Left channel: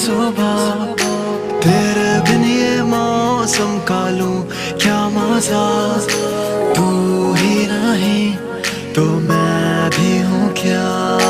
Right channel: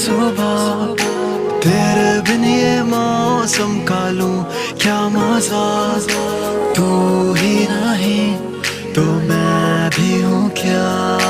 सुबह, तेरे बिन ये मौसम का लूं क्या मजा। तू ही नहीं तो मैं भी हूँ क्या।